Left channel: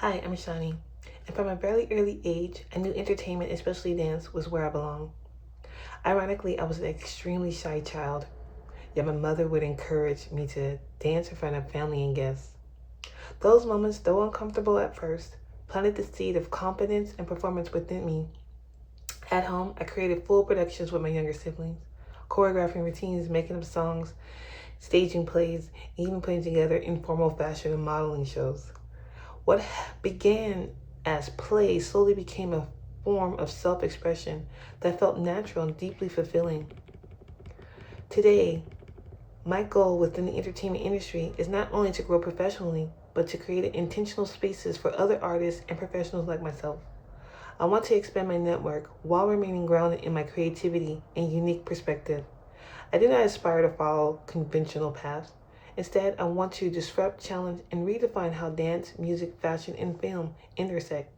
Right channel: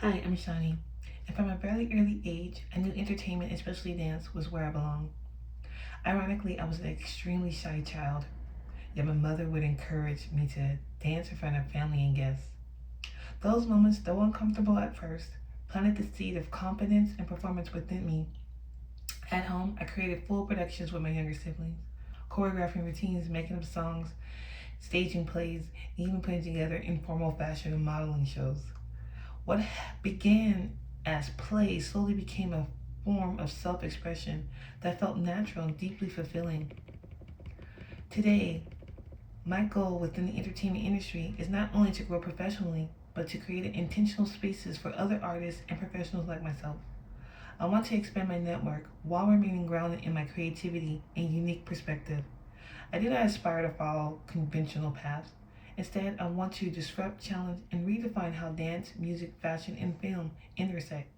Hi, I'm Shani, and from a very early age, I knew entertainment, especially dance, was where I belonged. Ironically, I was an extremely shy child, yet my mother would encourage me to dance in front of family and guests. Those moments, though uncomfortable at first, planted the seed of confidence and performance within me. At home, I created full productions with my younger siblings, choreographing routines, making up songs, staging plays, and even putting together informal fashion and modeling shows. What began as play slowly became a form of self expression that felt natural and deeply fulfilling. Today, my goal within the entertainment industry is not only to grow professionally, but to create intentional spaces for other artists and professionals like myself. I want to expand my network while remaining grounded in my creativity and unique perspective. I do not aspire to follow conventional paths. Instead, I want to disrupt, challenge, and redefine how dance, music, fashion, and film intersect.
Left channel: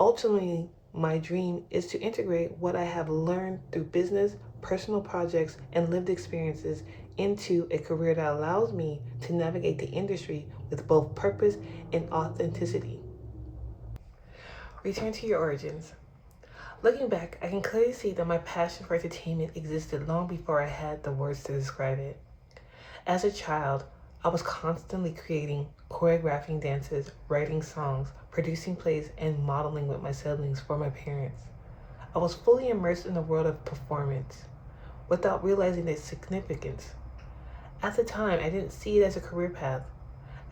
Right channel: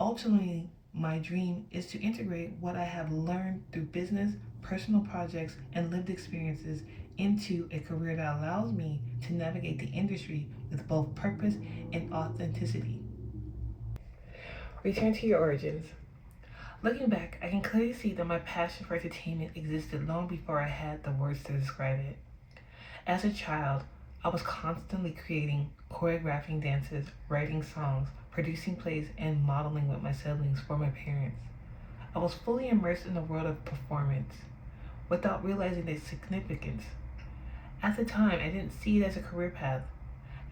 Ultimately, my dream is to integrate what I have learned through business, personal projects, and lived experiences into a career that allows me to navigate the industry with both purpose and authenticity. Return to your origins. Looking back, I can clearly see that my passion for entertainment existed long before I had the words to describe it. As a child, I was constantly creating, choreographing dances, writing songs, producing plays, and modeling with my siblings for my parents. I was fully immersed in the world of performance without realizing its significance. At the time, I didn't see it as a career path.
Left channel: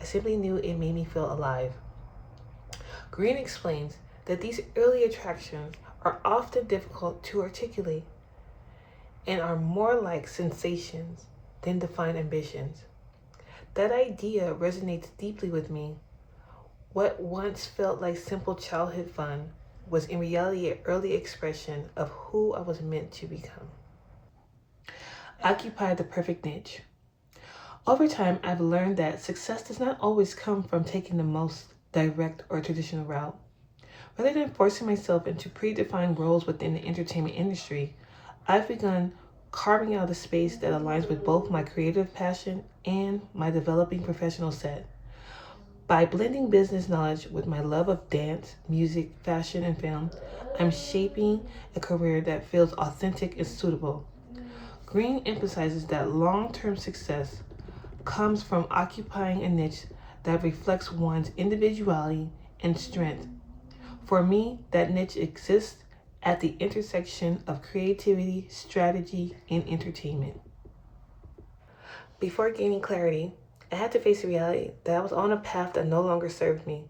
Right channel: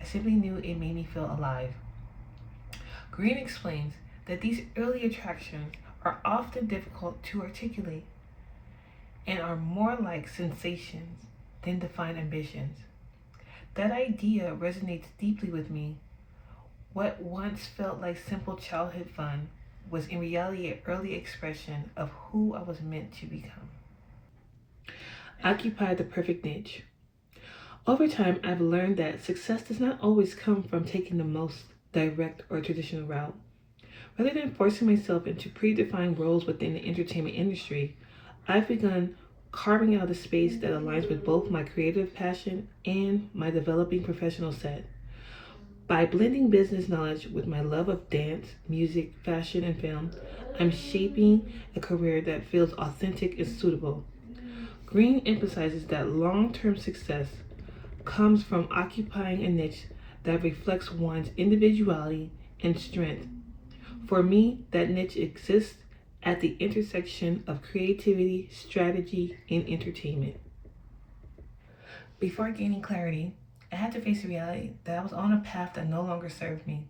I simply knew it made me feel alive. Green explains that these early attractions are often difficult to articulate and are more like sensations than defined ambitions. That idea resonates deeply with me. What once felt like simple childhood fun was in reality an early expression of who I was meant to become. Occupy the perfect niche. Over time, I've learned that success does not always come from taking the most direct or traditional route. Rather than forcing myself into predefined roles within the entertainment industry, I've begun carving out a space that aligns with both my creative passion and my developing professional set. By blending business knowledge with my love of dance, music, fashion, and film, I'm shaping a career that feels authentic and suitable. Green emphasizes that long term success comes from occupying a niche that reflects one's individuality and strength. For me, that niche exists at the intersection of creativity, strategy, and entertainment. Before gaining clarity, I had to face the reality that I was on a path that no longer served me.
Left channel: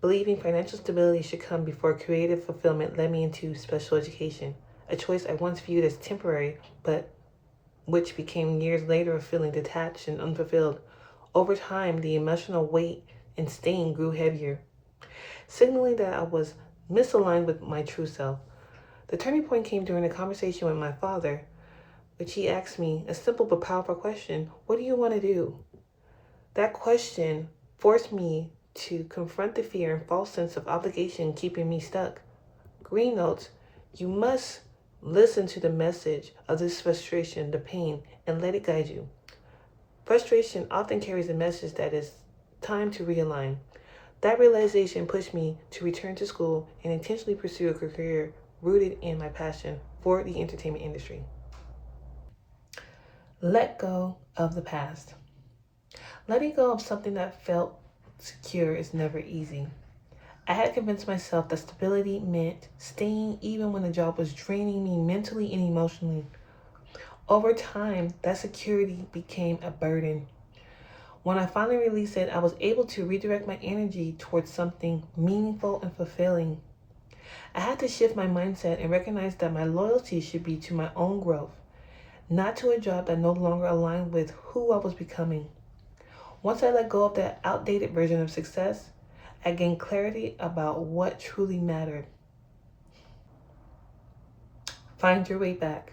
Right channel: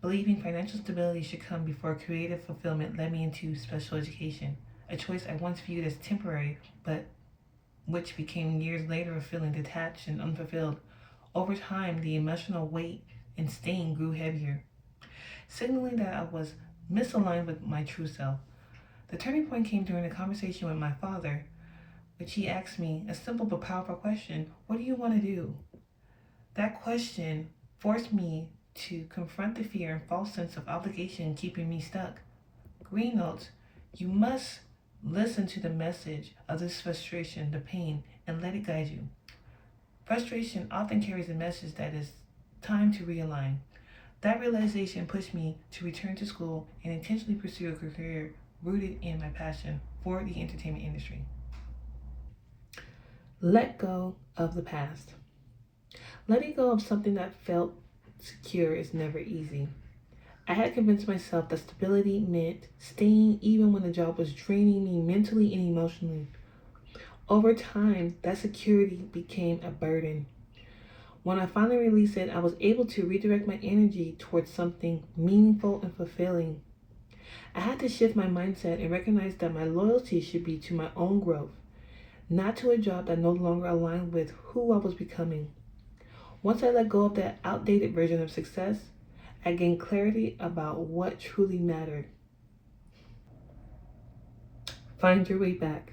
Believing financial stability should come before creative fulfillment led me into special education, a choice I once viewed as temporary, but which became years later of feeling detached and unfulfilled. Over time, the emotional weight and stain grew heavier, signaling that I was misaligned with my true self. The turning point came during a conversation with my father, which he asked me a simple but powerful question: what do you want to do? That question forced me to confront the fear and false sense of obligation keeping me stuck. Green notes, you must listen to the message of this frustration, the pain, and let it guide you. Frustration often carries a message that it's time to realign. That realization pushed me to return to school and intentionally pursue a career rooted in my passion for the entertainment industry. Let go of the past. Letting go of something that felt secure is never easy. I had convinced myself that stability meant staying even when the job was draining me mentally and emotionally. Over time, that security became a burden. When I finally released it, I was able to redirect my energy towards something meaningful and fulfilling. I had to shift my mindset and recognize that my loyalty should be to my own growth, not to a job that no longer aligned with who I was becoming. Once I let go of that outdated version of success, I gained clarity about what truly mattered. Find your way back.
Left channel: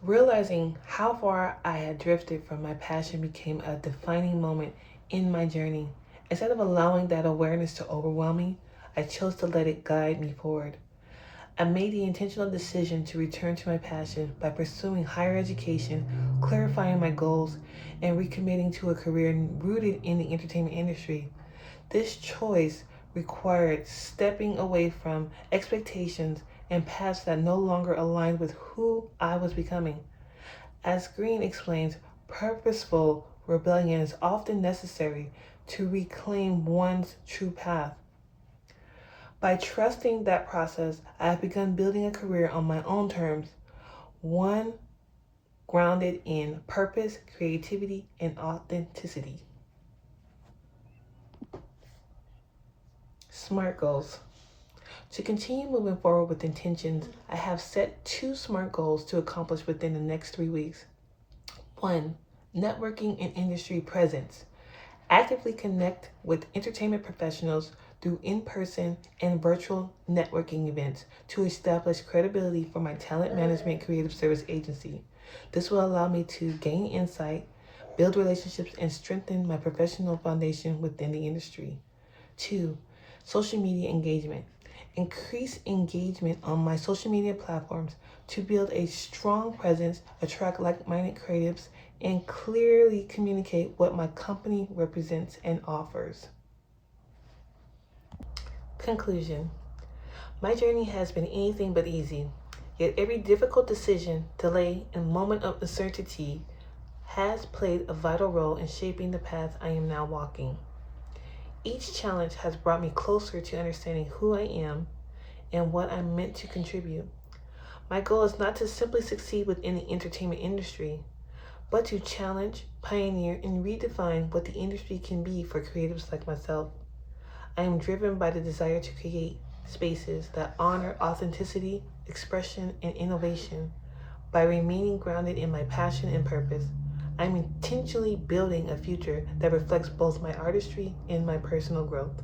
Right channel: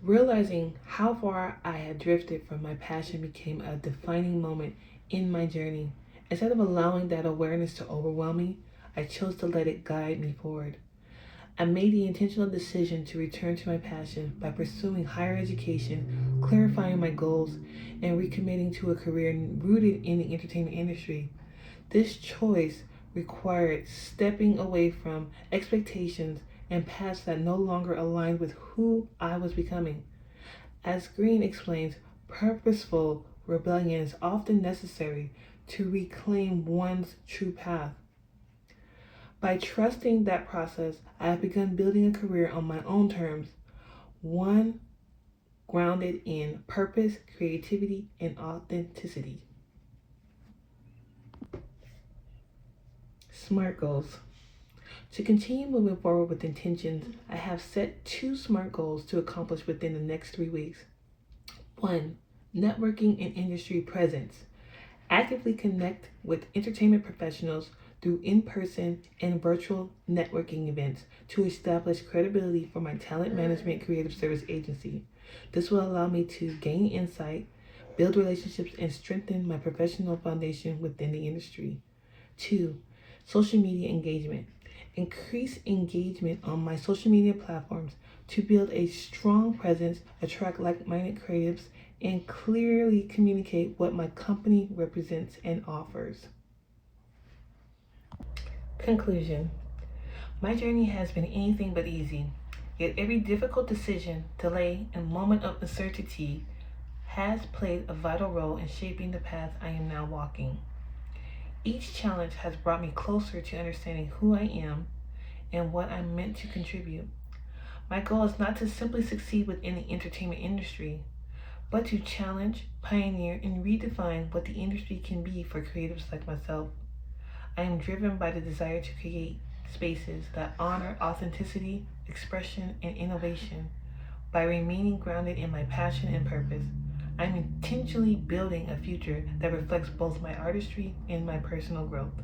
Realizing how far I had drifted from my passion became a defining moment in my journey. Instead of allowing that awareness to overwhelm me, I chose to let it guide me forward. I made the intentional decision to return to my passion by pursuing higher education, clarifying my goals, and recommitting to a career rooted in the entertainment industry. This choice required stepping away from expectations and paths that no longer aligned with who I was becoming. As Green explains, purposeful rebellion is often necessary to reclaim one's true path. By trusting that process, I have begun building a career on my own terms, one grounded in purpose, creativity, and authenticity. SMART goals. To continue moving forward with intentions, I have set 2 SMART goals to accomplish within the next 3 weeks. 1. Networking and industry presence. Actively connect with entertainment professionals through in-person and virtual networking events to establish credibility for my talent management creative service agency. This will allow me to gain insight, build relationships, and strengthen my professional foundation within the industry. 2. Social media engagement. Increase engagement on my social media platforms to build a strong presence, attract like-minded creatives, and clearly communicate what my company represents and offers. Conclusion. My journey has been anything but easy, yet every difficult decision, delay, and moment of uncertainty has played a vital role in shaping the path I am now walking. Each challenge has brought me closer to understanding who I am and what I'm meant to contribute. My goal is not to simply succeed within the entertainment industry, but to challenge, pioneer, and redefine what the industry can be for creatives like myself. I am driven by the desire to create spaces that honor authenticity, expression, and innovation. By remaining grounded in my passion and purpose, I'm intentionally building a future that reflects both my artistry and my personal growth.